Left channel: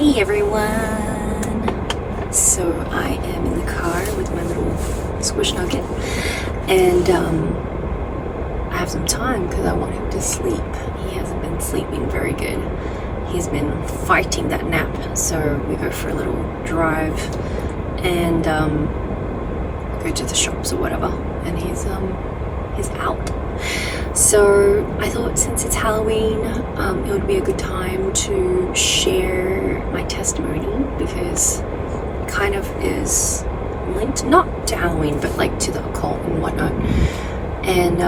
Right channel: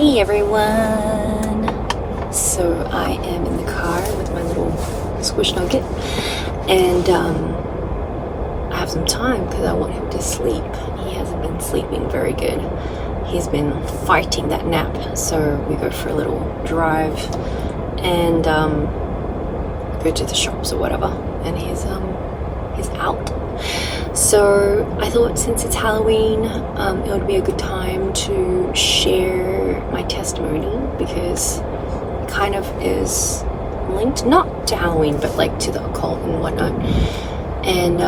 Hey everyone! So I am in the car with my little squish nugget, and I have some time because I want him to sleep. He hasn't been sleeping very good. He's been fighting that nap, so we go for a little drive and go to the shops or whatever, and he's out. So I thought since it's Halloween, it would be a good time to share my testimony, because it kind of is linked, not to Halloween, but like to the occult and whatnot. And,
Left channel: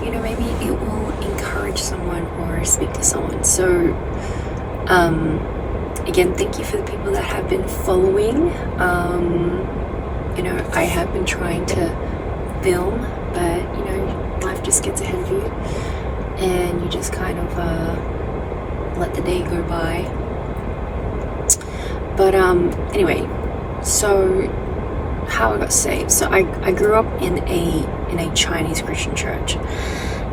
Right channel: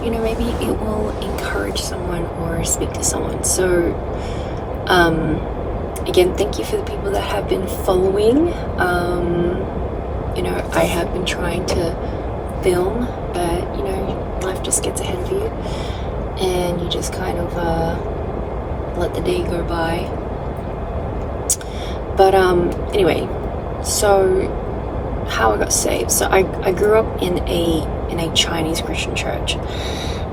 maybe it will encourage someone or speak to someone. So, again, thank you for the people that have been following. I have been trying to film, but, life just gets ahead of you, and you just kind of let the day go by. But anyway, so how I got saved. So I grew up in a Chinese Christian church,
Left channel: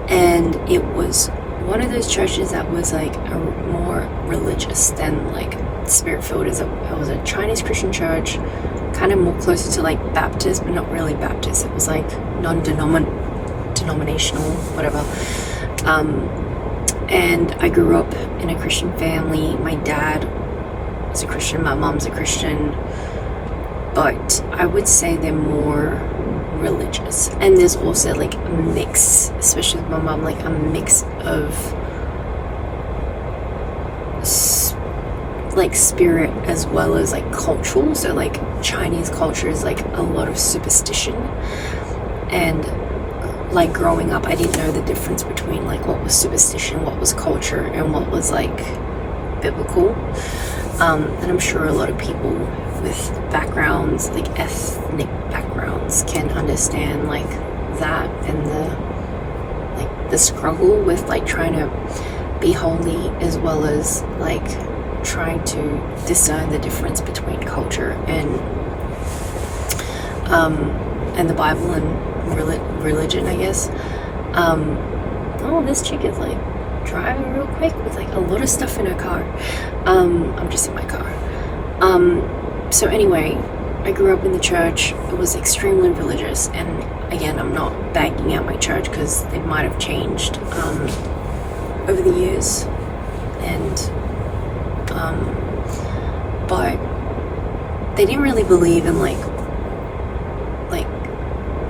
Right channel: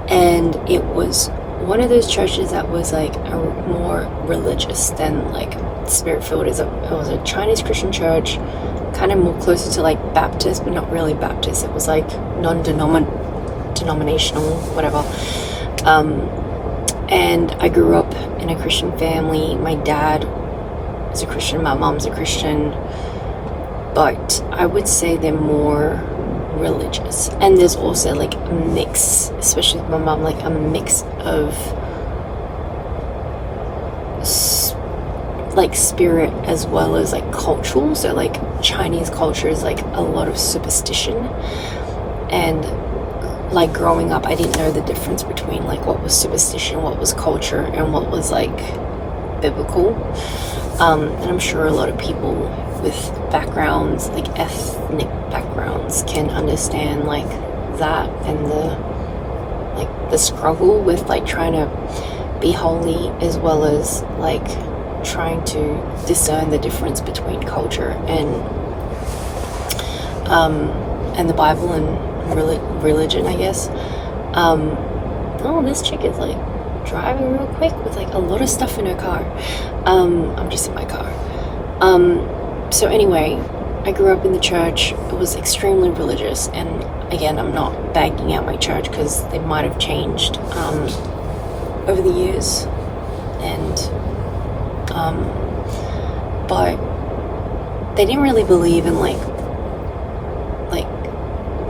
and it was one of those churches that was like a more religious than like spirit-filled. It was a Chinese Christian church, kind of more closer to like Baptist, but not really Baptist. It was like non-denominational, whatever. And I grew up in a Christian family. My dad is a Christian, my mom's a Christian, but I would say they're more religious. And there's also like a mix, especially with my mom, like a mix of like spirit as well as like cultural. So like Chinese culture is like a lot of superstition, and like growing up I didn't know the difference between like what was superstition, what was culture, and what was like biblical. And I'm sure a lot of people with backgrounds, like ethnic backgrounds, can understand like that, and the struggle with like trying to be holy as well as like trying to discern the difference between culture and the Bible and religion, I guess. This chick is like driving real quick with like a lot of stuff in her car. I'm just in my car. So anyway, I grew up in the church. It was extremely religious, and again, I'm not bagging out my church because they might have changed over the years, and but they didn't really believe in like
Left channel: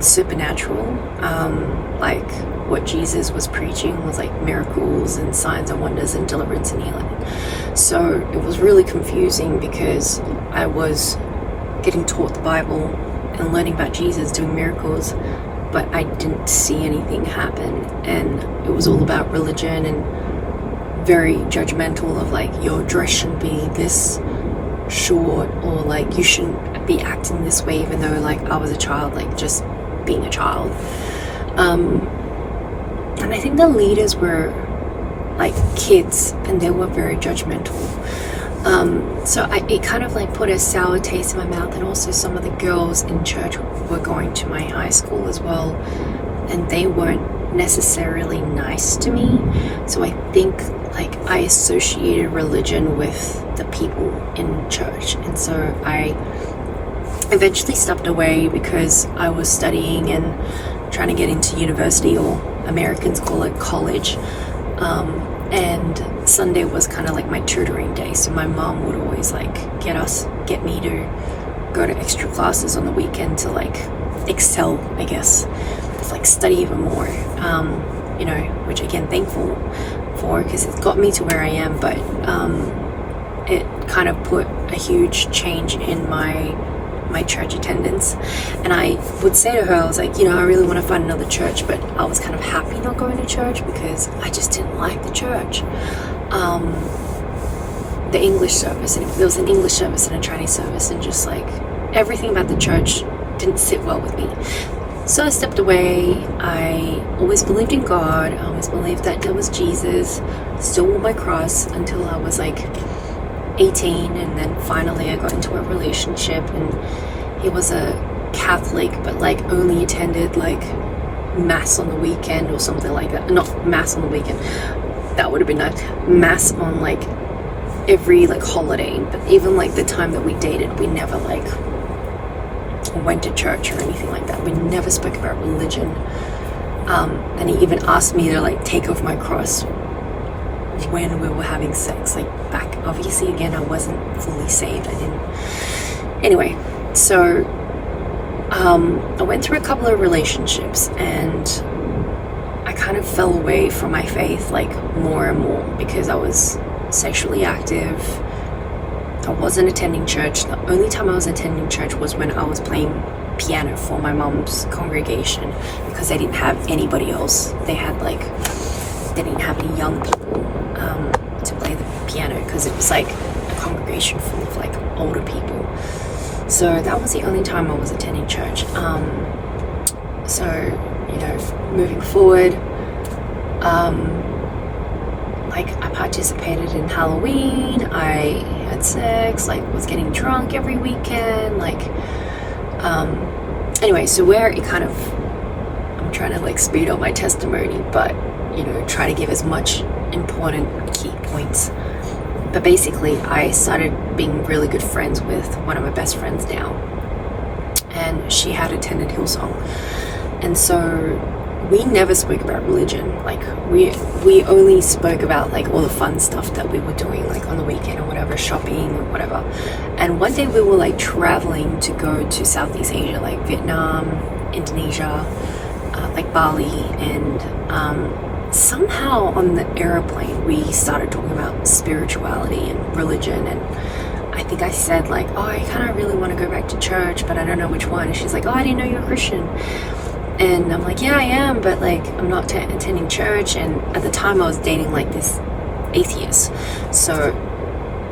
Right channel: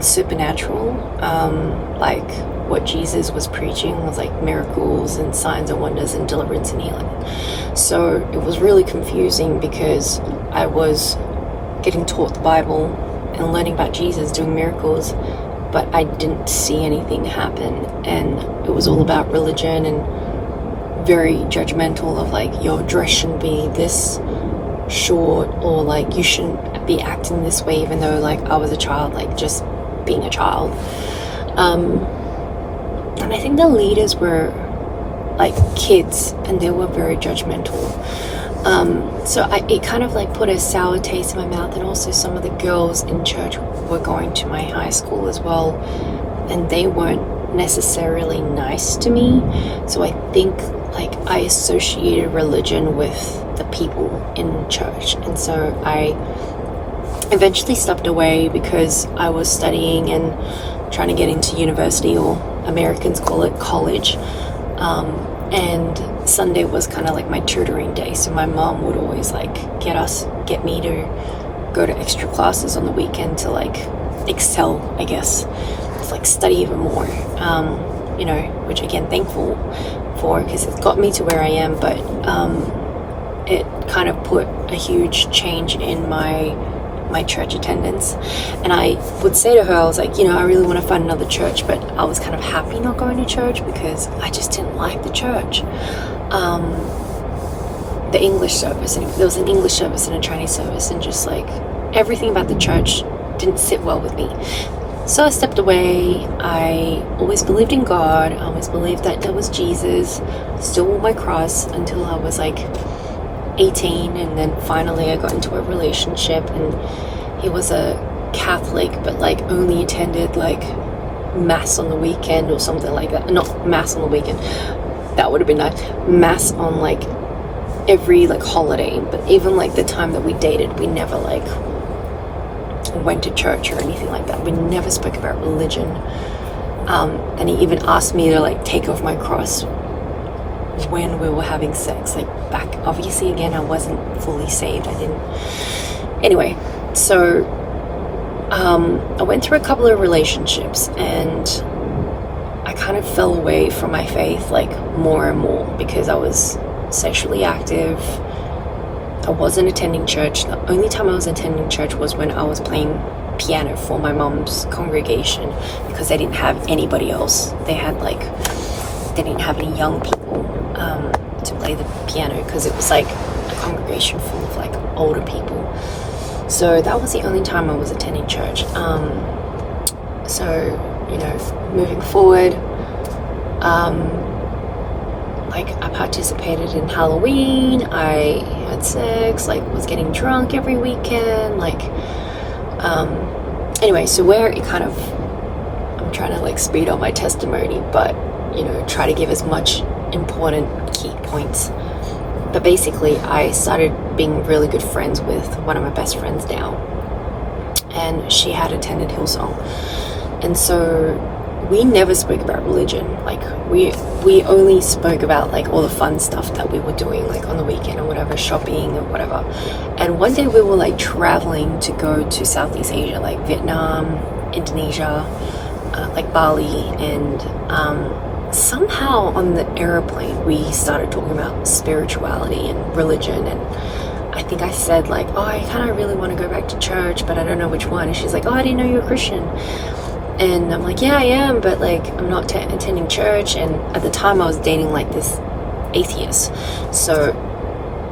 supernatural, like what Jesus was preaching was like miracles and signs and wonders and deliverance and healing. So it was really confusing because I was getting taught the Bible and learning about Jesus doing miracles, but I didn't see anything happen, and it was all about religion and very judgmental of like your dress shouldn't be this short, or like you shouldn't be acting this way, even though like I was a child, like just being a child. And I think the leaders were like kids, and they were very judgmental. So it kind of like put a sour taste in my mouth. And also some of the girls in church were going to my high school as well, and they weren't necessarily nice to me. So I think like I associated religion with the people in church, and so I eventually stepped away because I was studying and trying to get into university, or Americans call it college. And Sunday was kind of like my tutoring day, so my mom would always like get me to go to extra classes on the weekend to like excel, I guess, to like study even more, which again, thankful for, because it got me to where I am. But it kind of put a huge change in my church attendance. And I would say to her, I was like, I really want to find another church, but I was kind of happy not going to church because I just didn't like the church. The English service, and there was an English service and a Chinese service, and just like everything about the church didn't sit well with me. So I stepped away. I always believed in God. I always believed that there was Jesus. Still wore my cross until I was like 18, and then finally I got into a relationship, and he was a Catholic, but like only attended like mass on the weekend or something like that. Not mass on the weekend, that would have been nice. Mass on like every like holiday, but even like the time that we dated, we never like went to church or anything like that. We never spoke about religion. And he even asked me to like take off my cross when we were having sex, like back, obviously again, I wasn't fully saved. I didn't. Anyway, so I went through a couple of relationships, and I kind of fell away from my faith like more and more because I was sexually active. I wasn't attending church. The only time I was attending church was when I was playing piano for my mom's congregation, because they didn't have anybody else. They didn't have any young people to play the piano, because it was like a congregation full of like older people. So that was the only time I was attending church. So, you know, moving forward, like I participated in Halloween, I had sex, like was getting drunk every weekend, like, anyway, so where it kind of, I'm trying to like speed up my testimony, but, you know, try to give as much important key points. But basically, I started being really good friends with one of my best friends now, and she had attended Hillsong, and so we never spoke about religion. Like we only spoke about like all the fun stuff that we were doing, like on the weekend or whatever, shopping or whatever. And one day we were like traveling to go to Southeast Asia, like Vietnam, Indonesia, like Bali, and somehow on the airplane we started talking about spirituality and religion, and I think I said like, oh, I kind of really want to go back to church, but I don't know which one. And she's like, oh, I didn't know you were Christian. And I'm like, yeah, I am, but like I'm not attending church. And at the time I was dating like this atheist, so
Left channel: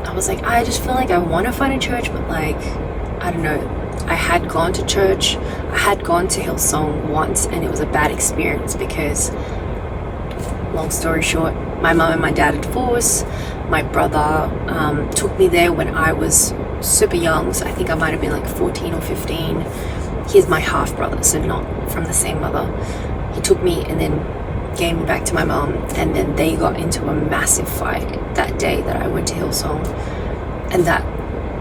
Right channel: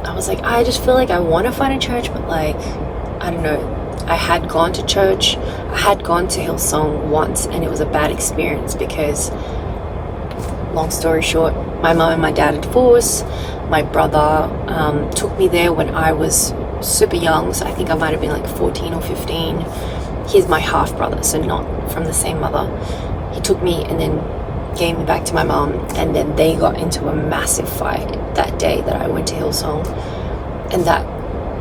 I was like, I just feel like I want to find a church, but like, I don't know. I had gone to church, I had gone to Hillsong once, and it was a bad experience because, long story short, my mum and my dad are divorced. My brother took me there when I was super young, so I think I might have been like 14 or 15. He's my half brother, so not from the same mother. He took me and then gave me back to my mum, and then they got into a massive fight that day that I went to Hillsong, and that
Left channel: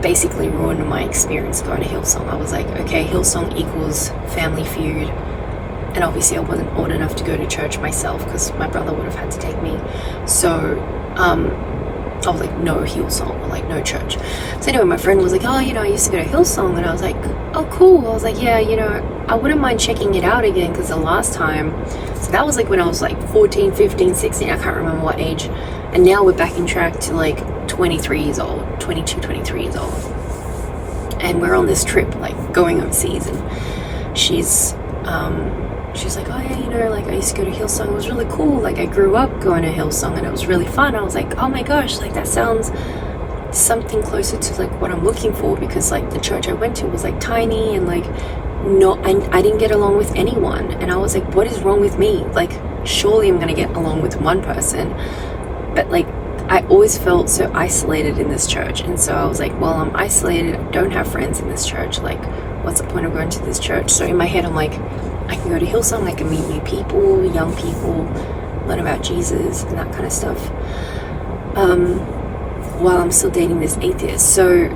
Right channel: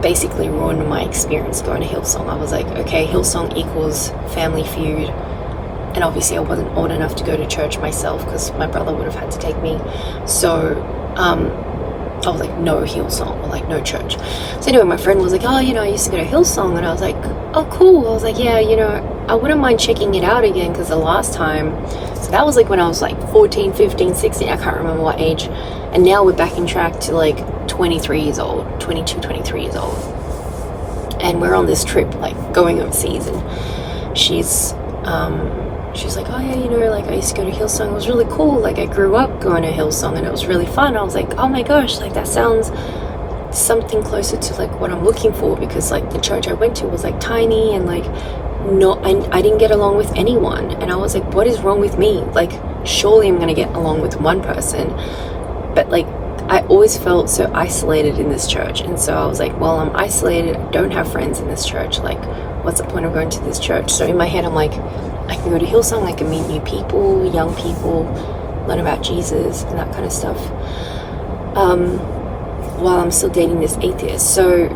basically ruined my experience going to Hillsong. I was like, okay, Hillsong equals Family Feud. And obviously I wasn't old enough to go to church myself because my brother would have had to take me. So I was like, no Hillsong, or like no church. So anyway, my friend was like, oh, you know, I used to go to Hillsong. And I was like, oh, cool. I was like, yeah, you know, I wouldn't mind checking it out again, because the last time, so that was like when I was like 14, 15, 16, I can't remember what age. And now we're back in track to like 23 years old, 22, 23 years old. And we're on this trip, like going overseas, and she's like, oh yeah, you know, like I used to go to Hillsong, it was really cool, like I grew up going to Hillsong and it was really fun. I was like, oh my gosh, like that sounds something closer to like what I'm looking for, because like the church I went to was like tiny, and like I didn't get along with anyone, and I was like, what is wrong with me? Like surely I'm gonna get along with one person, but like I always felt so isolated in this church. And so I was like, well, I'm isolated, I don't have friends in this church, like what's the point of going to this church? So in my head I'm like, I can go to Hillsong, I can meet new people, young people, learn about Jesus and that kind of stuff, while I'm still dating this atheist. So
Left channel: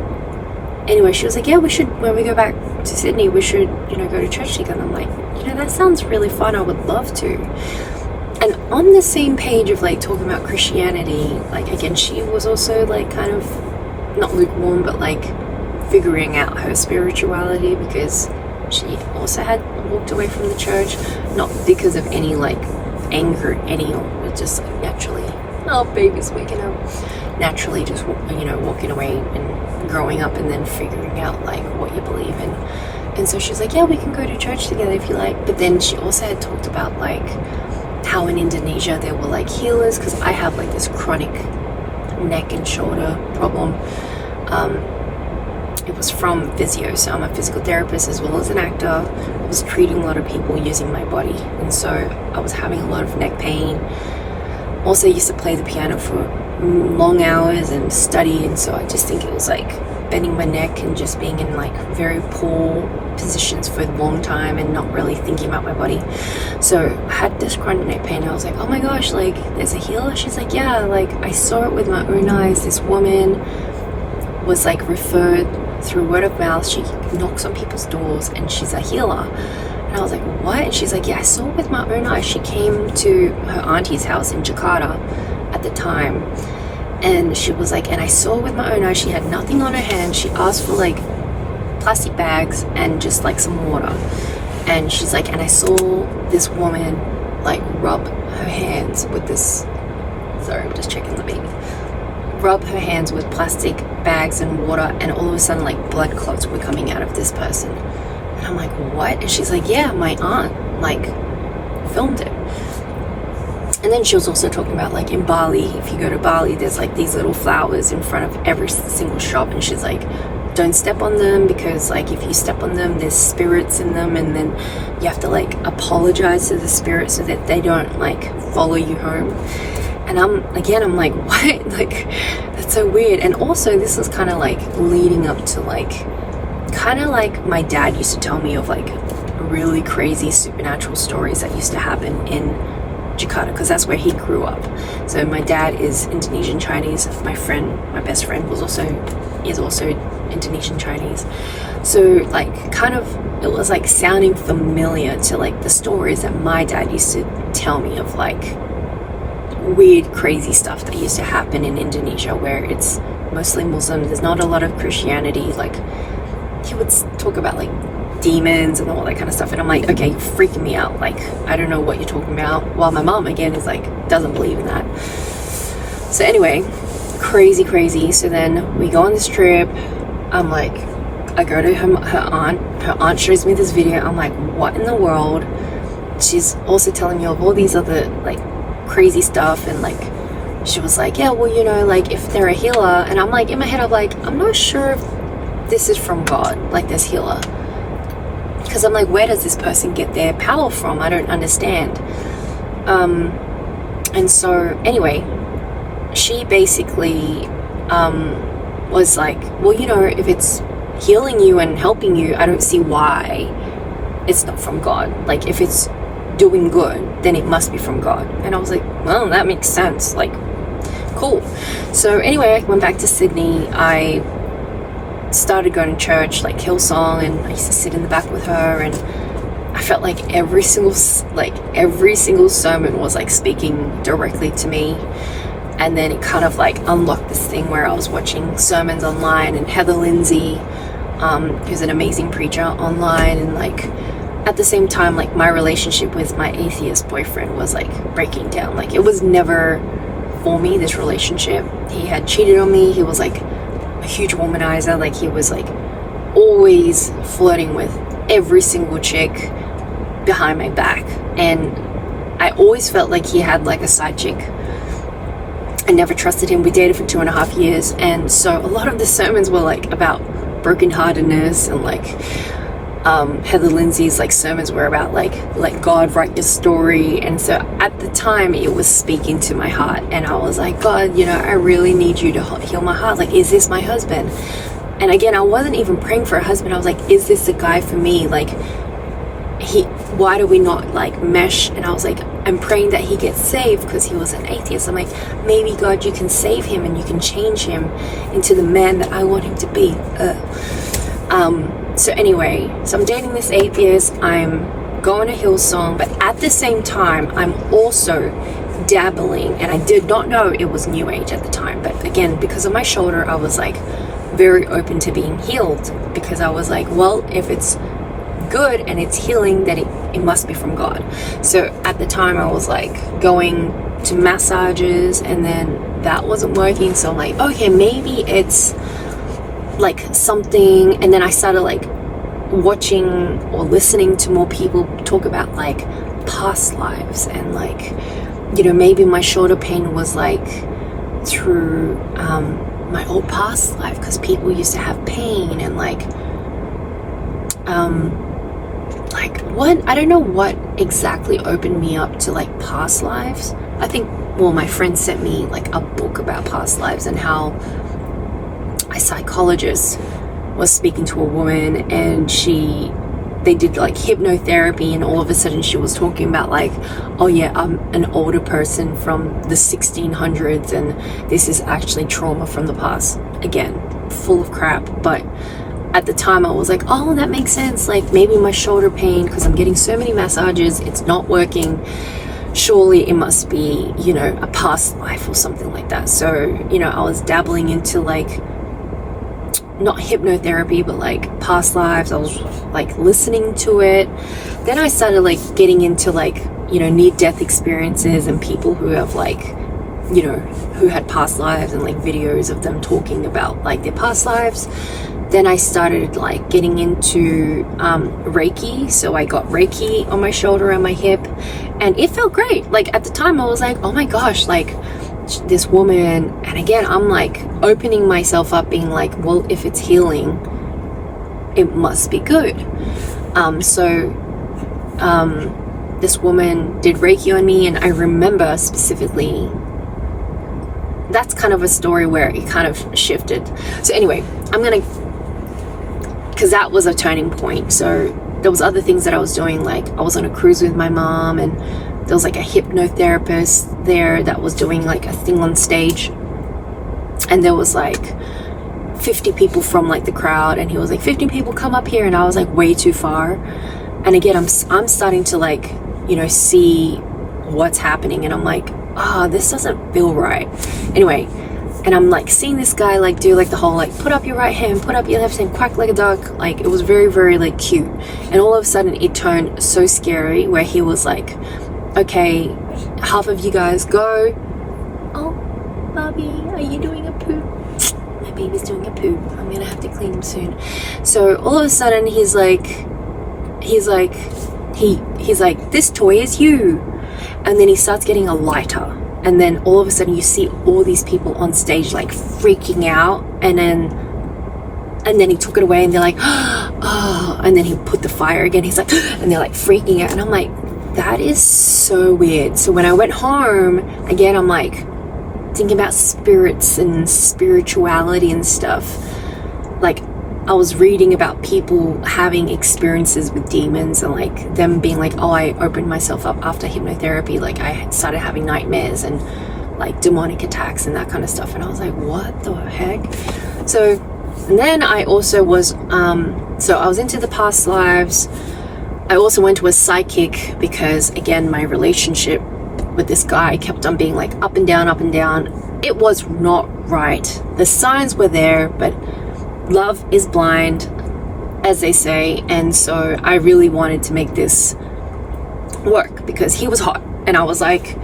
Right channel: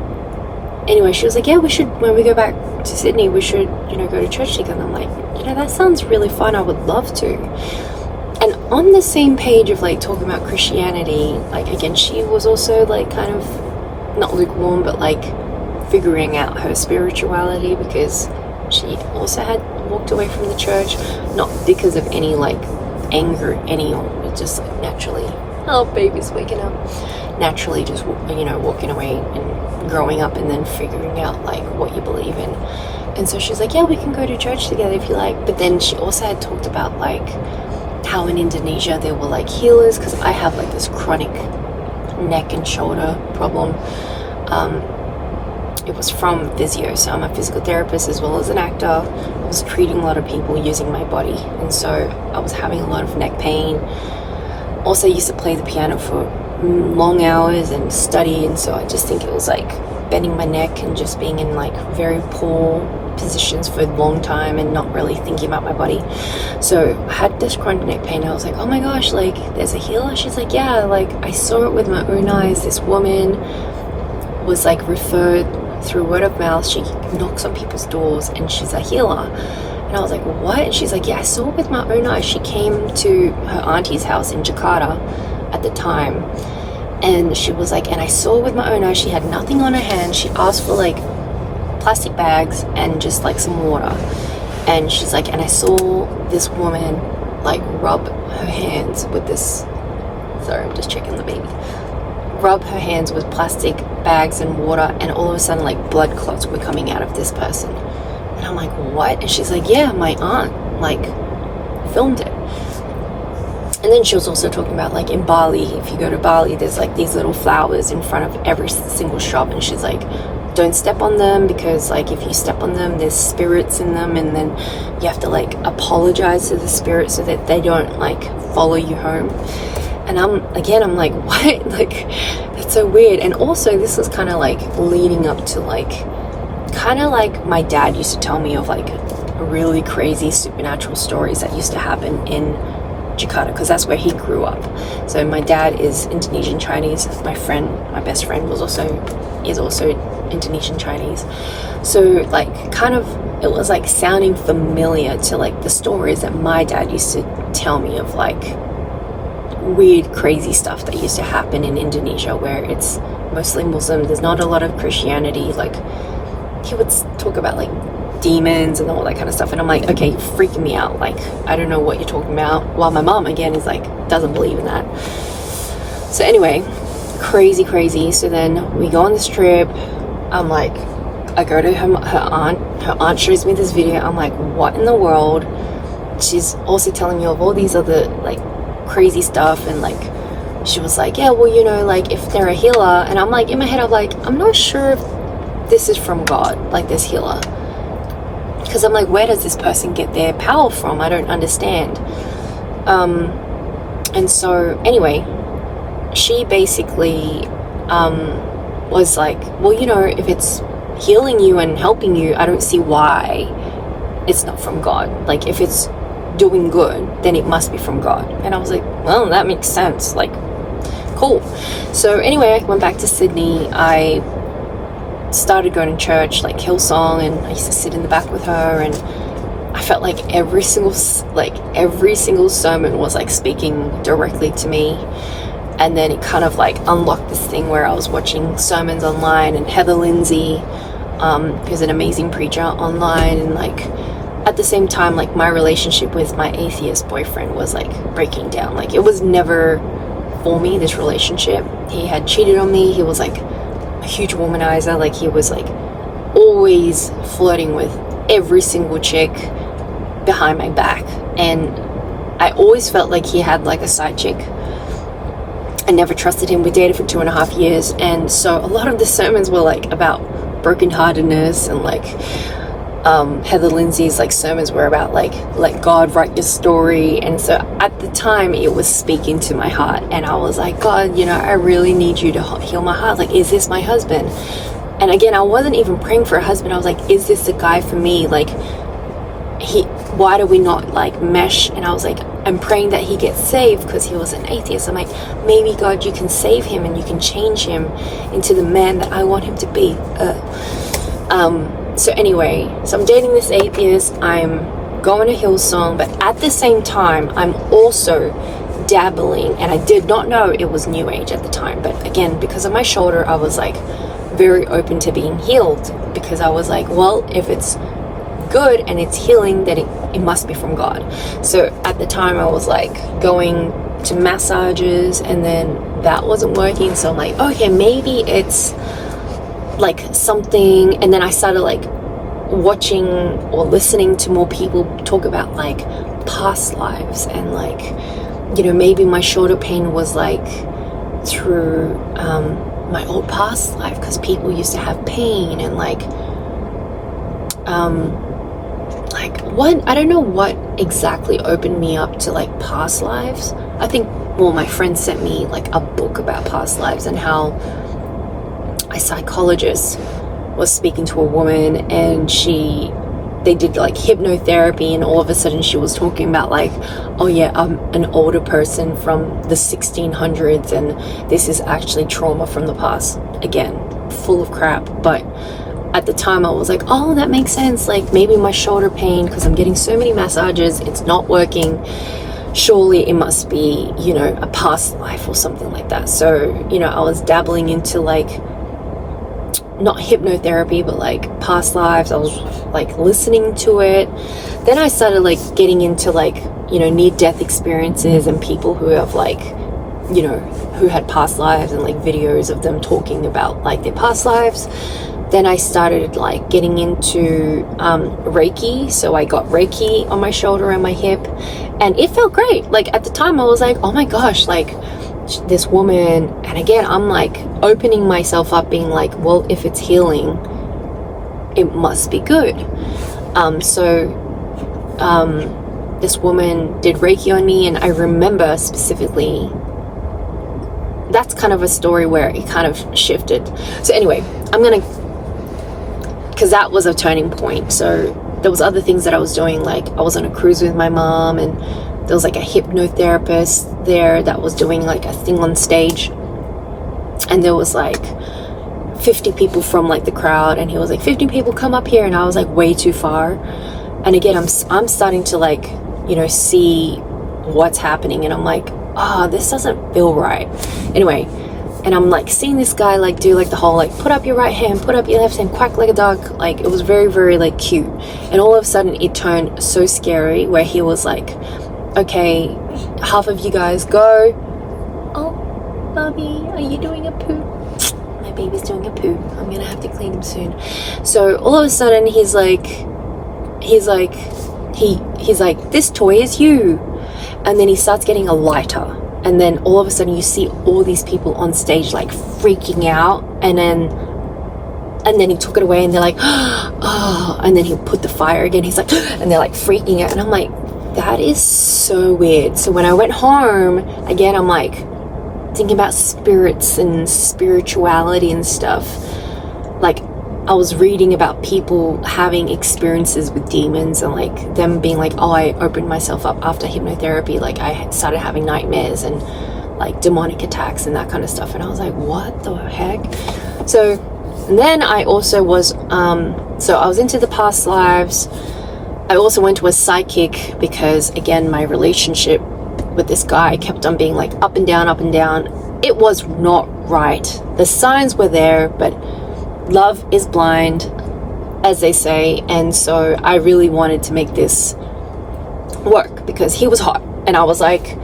anyway, she was like, yeah, we should, when we go back to Sydney, we should, you know, go to church together. And I'm like, you know, that sounds really fun, I would love to. And on the same page of like talking about Christianity, like again, she was also like kind of not lukewarm, but like figuring out her spirituality, because she also had walked away from the church, not because of any like anger at anyone, but just like naturally, oh, baby's waking up, naturally just, you know, walking away and growing up and then figuring out like what you believe in. And so she's like, yeah, we can go to church together if you like. But then she also had talked about like how in Indonesia there were like healers, because I have like this chronic neck and shoulder problem. It was from physio, so I'm a physical therapist as well as an actor. I was treating a lot of people using my body, and so I was having a lot of neck pain. Also used to play the piano for long hours and study, and so I just think it was like bending my neck and just being in like very poor positions for a long time and not really thinking about my body. So I had this chronic neck pain. I was like, oh my gosh, like there's a healer? She's like, yeah, like I saw it with my own eyes. This woman was like referred through word of mouth. She knocks on people's doors and she's a healer. And I was like, what? And she's like, yeah, I saw it with my own eyes. She came to her auntie's house in Jakarta at the time, and she was like, and I saw it with my own eyes. She had nothing on her hand. She asked for like plastic bags and just like some water, and she's like, and I saw this woman like rub her hands with this, sorry, I'm just checking the beat, rub her hands with plastic bags and water, and all of a sudden like blood clots were coming out of this person. And I'm like, what? And she's like, yeah, my aunt like filmed it. And then she was also talking about like in Bali, if you go to Bali, there's like these little flowers in front of every single shop, and she's like, don't step on them, because like if you step on them, there's spirits in them, and then you have to like apologize to the spirits so that they don't like follow you home. And I'm like, what? Like, that's so weird. And also this was kind of like leading up to like, kind of like my dad used to tell me of like really crazy supernatural stories that used to happen in Jakarta, because that's where he grew up. So my dad is Indonesian Chinese. My best friend is also Indonesian Chinese. So like kind of it was like sounding familiar to like the stories that my dad used to tell me of like weird crazy stuff that used to happen in Indonesia, where it's mostly Muslim. There's not a lot of Christianity. Like he would talk about like demons and all that kind of stuff, and I'm like, okay, you're freaking me out. Like I don't know what you're talking about. While my mom again is like doesn't believe in that. So anyway, crazy. So then we go on this trip. I'm like, I go to her aunt shows me this video. I'm like, what in the world? She's also telling me of all these other like crazy stuff, and like she was like, yeah, well, you know, like if they're a healer. And I'm like, in my head I'm like, I'm not sure if this is from God, like this healer, because I'm like, where does this person get their power from? I don't understand. And so anyway, she basically was like, well, you know, if it's healing you and helping you, I don't see why it's not from God. Like if it's doing good, then it must be from God. And I was like, well, that makes sense. Like, cool. So anyway, I went back to Sydney. I started going to church, like Hillsong, and I used to sit in the back with her, and I felt like every single sermon was like speaking directly to me. And then it kind of like unlocked this thing where I was watching sermons online, and Heather Lindsay, who's an amazing preacher online, and like at the same time, like my relationship with my atheist boyfriend was like breaking down. Like it was never for me, this relationship. He had cheated on me. He was like a huge womanizer. Like he was like always flirting with every single chick behind my back, and I always felt like he had like a side chick. I never trusted him. We dated for 2.5 years, and so a lot of the sermons were like about brokenheartedness, and like Heather Lindsay's like sermons were about like let God write your story. And so at the time it was speaking to my heart, and I was like, God, you know, I really need you to heal my heart. Like, is this my husband? And again, I wasn't even praying for a husband. I was like, is this the guy for me? Like why do we not like mesh? And I was like, I'm praying that he gets saved, because he was an atheist. I'm like, maybe God, you can save him and you can change him into the man that I want him to be. So anyway, so I'm dating this atheist, I'm going to Hillsong, but at the same time, I'm also dabbling, and I did not know it was New Age at the time. But again, because of my shoulder, I was like very open to being healed, because I was like, well, if it's good and it's healing, then it must be from God. So at the time I was like going to massages, and then that wasn't working. So I'm like, okay, maybe it's like something. And then I started like watching or listening to more people talk about like past lives, and like, you know, maybe my shoulder pain was like through my old past life, because people used to have pain, and like like, what, I don't know what exactly opened me up to like past lives. I think, well, my friend sent me like a book about past lives, and how a psychologist was speaking to a woman, and they did like hypnotherapy, and all of a sudden she was talking about like, oh yeah, I'm an older person from the 1600s, and this is actually trauma from the past. Again, full of crap. But at the time I was like, oh, that makes sense. Like maybe my shoulder pain, because I'm getting so many massages, it's not working. Surely it must be, you know, a past life or something like that. So, you know, I was dabbling into like, not hypnotherapy, but like past lives. I was like listening to it. Then I started like getting into like, you know, near-death experiences, and people who have like, you know, who had past lives, and like videos of them talking about like their past lives. Then I started like getting into Reiki. So I got Reiki on my shoulder and my hip, and it felt great. Like at the time I was like, oh my gosh, like this woman. And again, I'm like opening myself up, being like, well, if it's healing, it must be good. This woman did Reiki on me, and I remember specifically, that's kind of a story where it kind of shifted. So anyway, because that was a turning point. So there was other things that I was doing, like I was on a cruise with my mom, and there was like a hypnotherapist there that was doing like a thing on stage, and there was like 50 people from like the crowd, and he was like, 50 people come up here, and I was like way too far. And again, I'm starting to like, you know, see what's happening, and I'm like, oh, this doesn't feel right. Anyway, and I'm like seeing this guy like do like the whole like put up your right hand, put up your left hand, quack like a duck. Like it was very, very like cute. And all of a sudden it turned so scary, where he was like, okay, half of you guys go. Oh, Bobby, are you doing a poop? My baby's doing a poop. I'm gonna have to clean him soon. So all of a sudden he's like, this toy is you. And then he starts getting a lighter, and then all of a sudden you see all these people on stage like freaking out, and then he took it away, and they're like, oh, and then he put the fire again, he's like, and they're like freaking out, and I'm like, that is so weird. So when I went home again, I'm like thinking about spirits and spirituality and stuff. Like I was reading about people having experiences with demons, and like them being like, oh, I opened myself up after hypnotherapy, like I started having nightmares and like demonic attacks and that kind of stuff. And I was like, what the heck? So and then I also was so I was into the past lives. I also went to a psychic, because again, my relationship with this guy kept on being like up and down, up and down. It was not right. The signs were there, but love is blind, as they say. And so I really wanted to make this work, because he was hot, and I was like,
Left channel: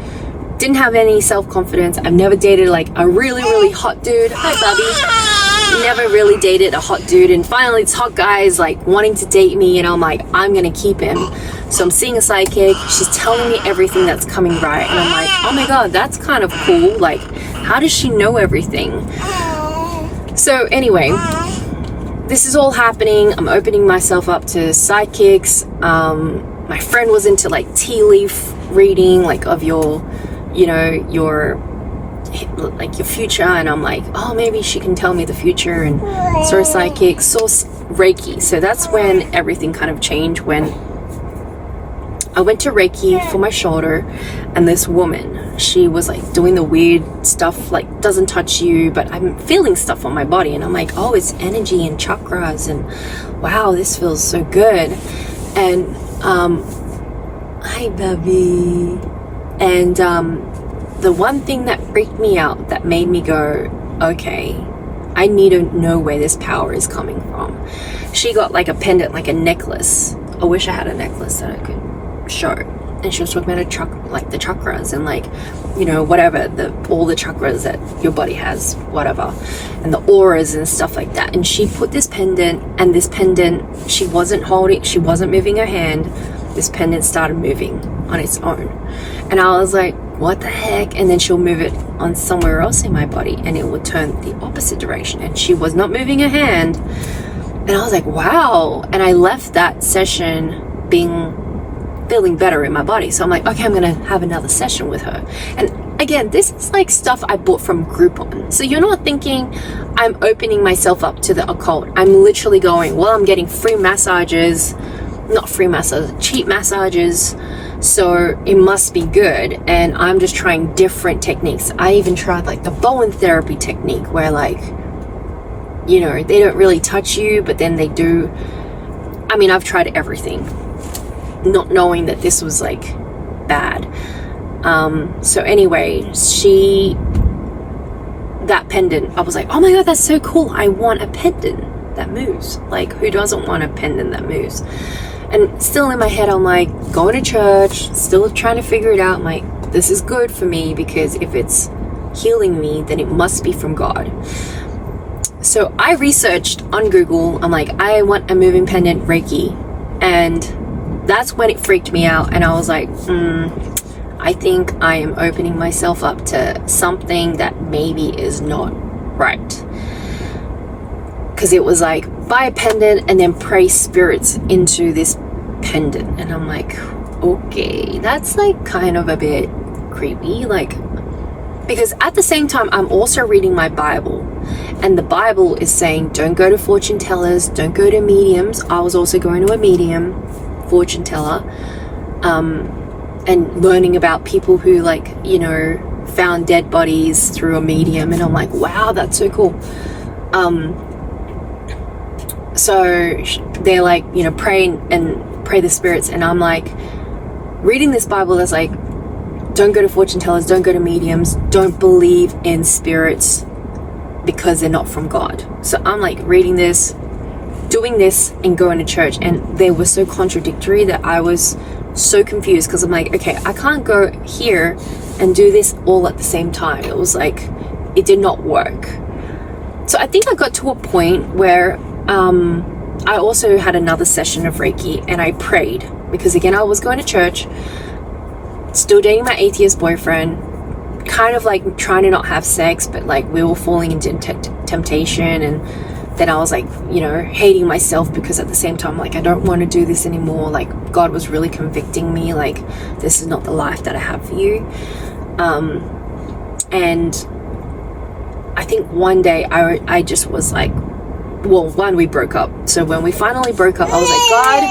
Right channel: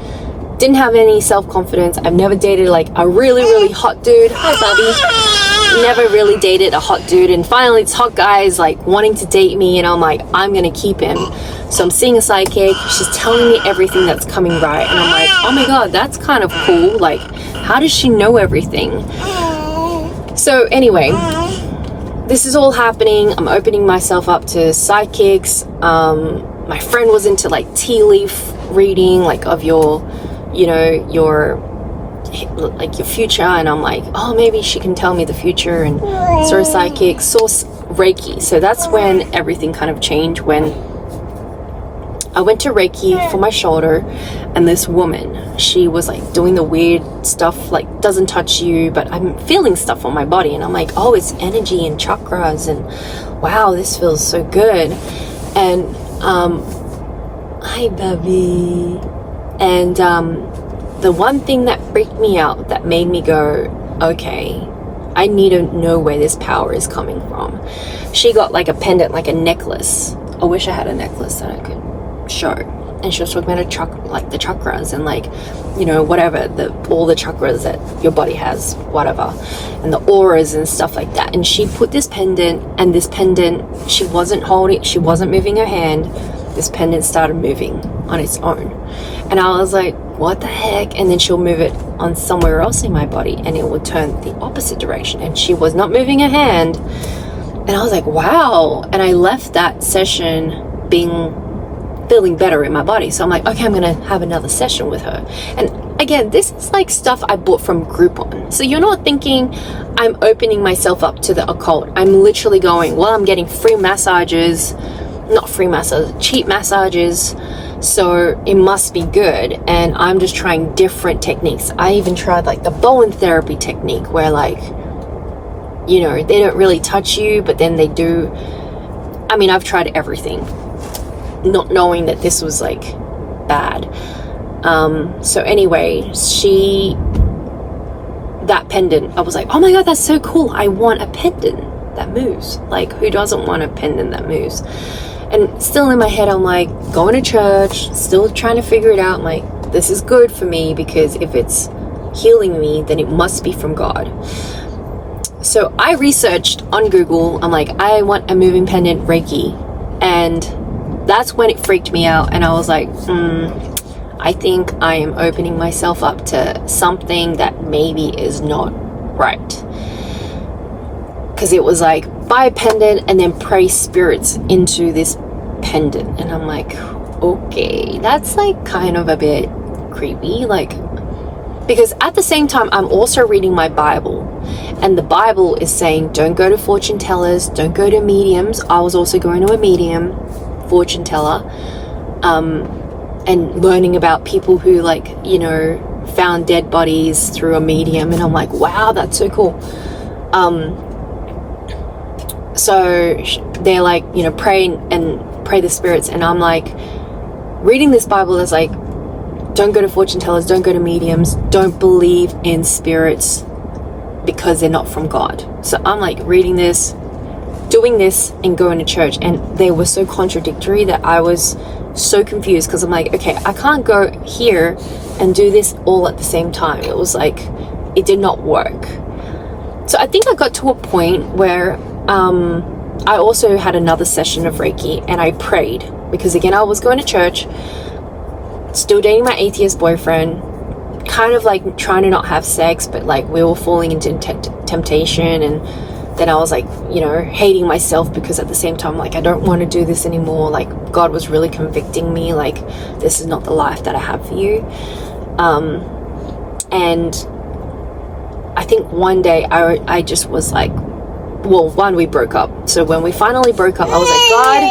didn't have any self-confidence. I've never dated like a really, really hot dude. Hi, Bubby. Never really dated a hot dude, and finally this hot guy is like wanting to date me, and I'm like, I'm gonna keep him. So I'm seeing a psychic, she's telling me everything that's coming right, and I'm like, oh my god, that's kind of cool. Like, how does she know everything? So anyway, this is all happening. I'm opening myself up to psychics. My friend was into like tea leaf reading, like of your, you know, your future, and I'm like, oh, maybe she can tell me the future. And saw a psychic, saw Reiki. So that's when everything kind of changed, when I went to Reiki for my shoulder, and this woman, she was like doing the weird stuff, like doesn't touch you, but I'm feeling stuff on my body, and I'm like, oh, it's energy and chakras, and wow, this feels so good. And hi, baby. And the one thing that freaked me out, that made me go, okay, I need to know where this power is coming from. She got like a pendant, like a necklace. I wish I had a necklace that I could show. And she was talking about like the chakras, and like, you know, whatever, all the chakras that your body has, whatever, and the auras and stuff like that. And she put this pendant, and this pendant, she wasn't moving her hand. This pendant started moving on its own, and I was like, what the heck? And then she'll move it on somewhere else in my body, and it would turn the opposite direction, and she was not moving her hand. And I was like, wow. And I left that session feeling better in my body. So I'm like, okay, I'm gonna have another session with her. And again, this is like stuff I bought from Groupon. So you're not thinking I'm opening myself up to the occult. I'm literally going, well, I'm getting free massages, not free massages, cheap massages, so it must be good. And I'm just trying different techniques. I even tried like the Bowen therapy technique, where like, you know, they don't really touch you, but then they do. I mean, I've tried everything, not knowing that this was like bad. So anyway, that pendant, I was like, oh my God, that's so cool. I want a pendant that moves. Like, who doesn't want a pendant that moves? And still in my head, I'm like, going to church, still trying to figure it out. I'm like, this is good for me, because if it's healing me, then it must be from God. So I researched on Google. I'm like, I want a moving pendant Reiki. And that's when it freaked me out. And I was like, I think I am opening myself up to something that maybe is not right. Because it was like, buy a pendant and then pray spirits into this pendant. And I'm like, okay, that's like kind of a bit creepy. Like, because at the same time, I'm also reading my Bible. And the Bible is saying, don't go to fortune tellers, don't go to mediums. I was also going to a medium, fortune teller, and learning about people who, like, you know, found dead bodies through a medium. And I'm like, wow, that's so cool. So they're like, you know, pray the spirits. And I'm like, reading this Bible that's like, don't go to fortune tellers, don't go to mediums, don't believe in spirits because they're not from God. So I'm like reading this, doing this, and going to church. And they were so contradictory that I was so confused, because I'm like, okay, I can't go here and do this all at the same time. It was like, it did not work. So I think I got to a point where I also had another session of Reiki, and I prayed, because again, I was going to church, still dating my atheist boyfriend, kind of like trying to not have sex, but like we were falling into temptation. And then I was like, you know, hating myself, because at the same time, like, I don't want to do this anymore. Like, God was really convicting me, like, this is not the life that I have for you. And I think one day I just was like, well, one, we broke up. So when we finally broke up, I was like, God,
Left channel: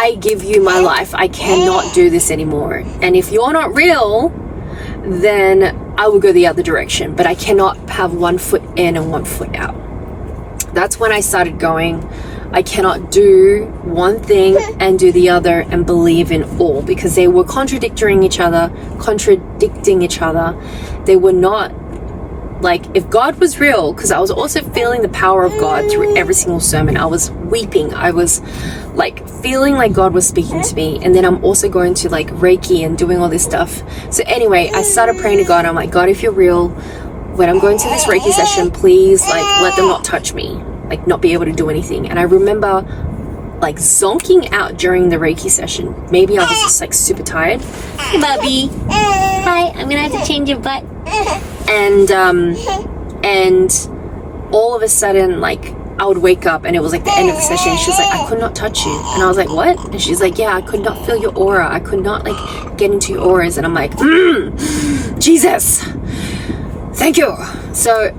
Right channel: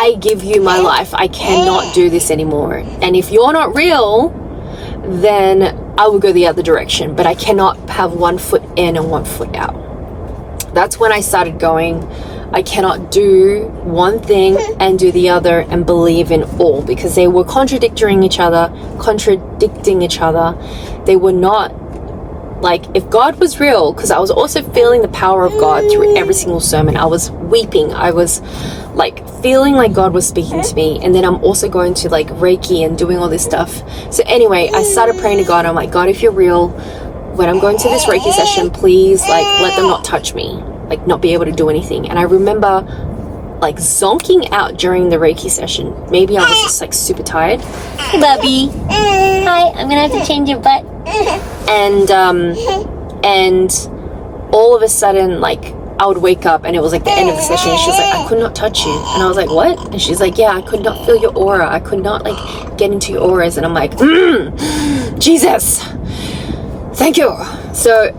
I give you my life. I cannot do this anymore. And if you're not real, then I will go the other direction. But I cannot have one foot in and one foot out. That's when I started going, I cannot do one thing and do the other and believe in all, because they were contradicting each other. They were not, like, if God was real, because I was also feeling the power of God through every single sermon. I was weeping. I was like feeling like God was speaking to me. And then I'm also going to like Reiki and doing all this stuff. So anyway, I started praying to God. I'm like, God, if you're real, when I'm going to this Reiki session, please, like, let them not touch me, like, not be able to do anything. And I remember like zonking out during the Reiki session. Maybe I was just like super tired. Hey, Bubby. Hi, I'm gonna have to change your butt. And all of a sudden, like, I would wake up and it was like the end of the session, and she was like, I could not touch you. And I was like, what? And she's like, yeah, I could not feel your aura. I could not like get into your auras. And I'm like, Jesus, thank you. So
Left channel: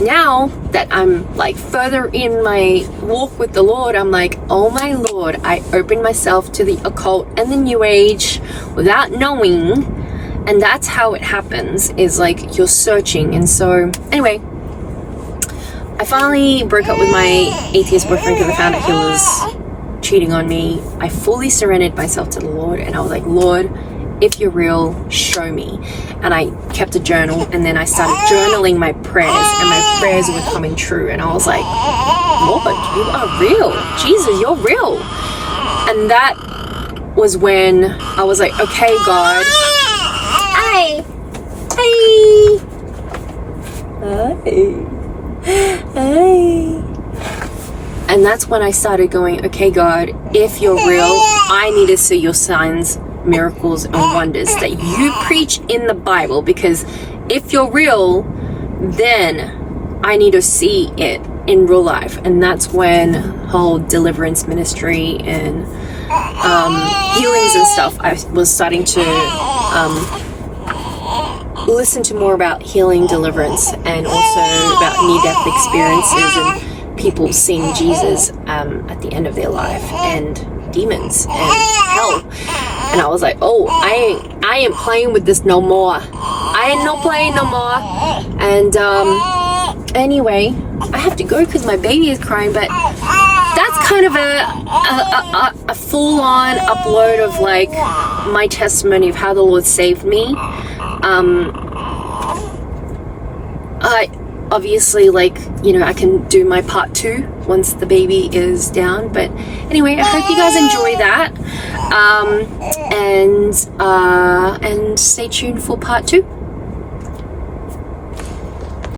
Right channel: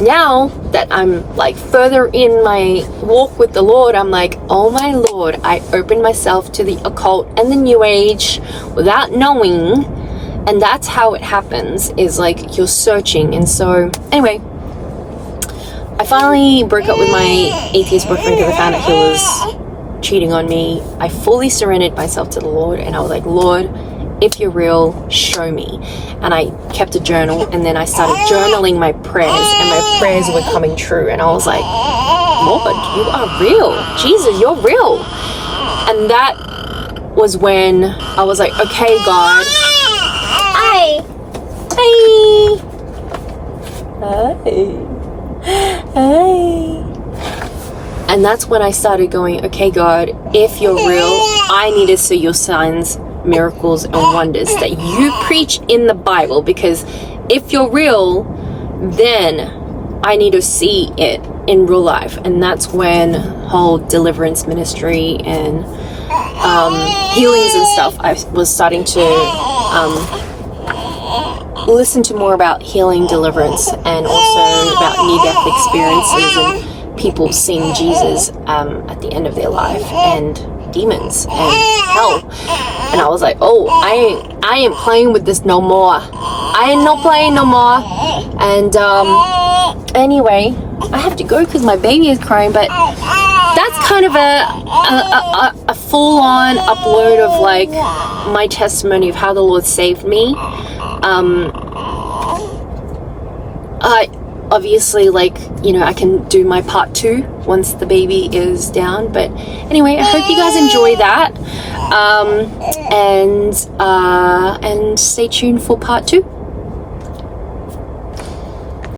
now that I'm like further in my walk with the Lord, I'm like, oh my Lord, I opened myself to the occult and the new age without knowing. And that's how it happens, is like you're searching. And so anyway, I finally broke up with my atheist boyfriend because I found that he was cheating on me. I fully surrendered myself to the Lord, and I was like, Lord, if you're real, show me. And I kept a journal, and then I started journaling my prayers, and my prayers were coming true. And I was like, Lord, you are real. Jesus, you're real. And that was when I was like, okay, God. Hi. Hi. Hi. Hi. And that's when I started going, okay, God, if you're real, I need to see your signs, miracles, and wonders that you preach in the Bible, because if you're real, then I need to see it in real life. And that's when whole deliverance ministry and healings and stuff, I was starting to listen to more about healing, deliverance, and also about near-death experiences and people seeing Jesus at the end of their life, and demons and hell. And I was like, oh, I ain't playing with this no more. I ain't not playing no more. And anyway, I have to go because my baby is crying, but that's kind of a full-on upload of like my testimony of how the Lord saved me. I obviously, like, you know, I can do my part 2 once the baby is down, but anyway, I hope you guys enjoy that, and stay tuned for part 2.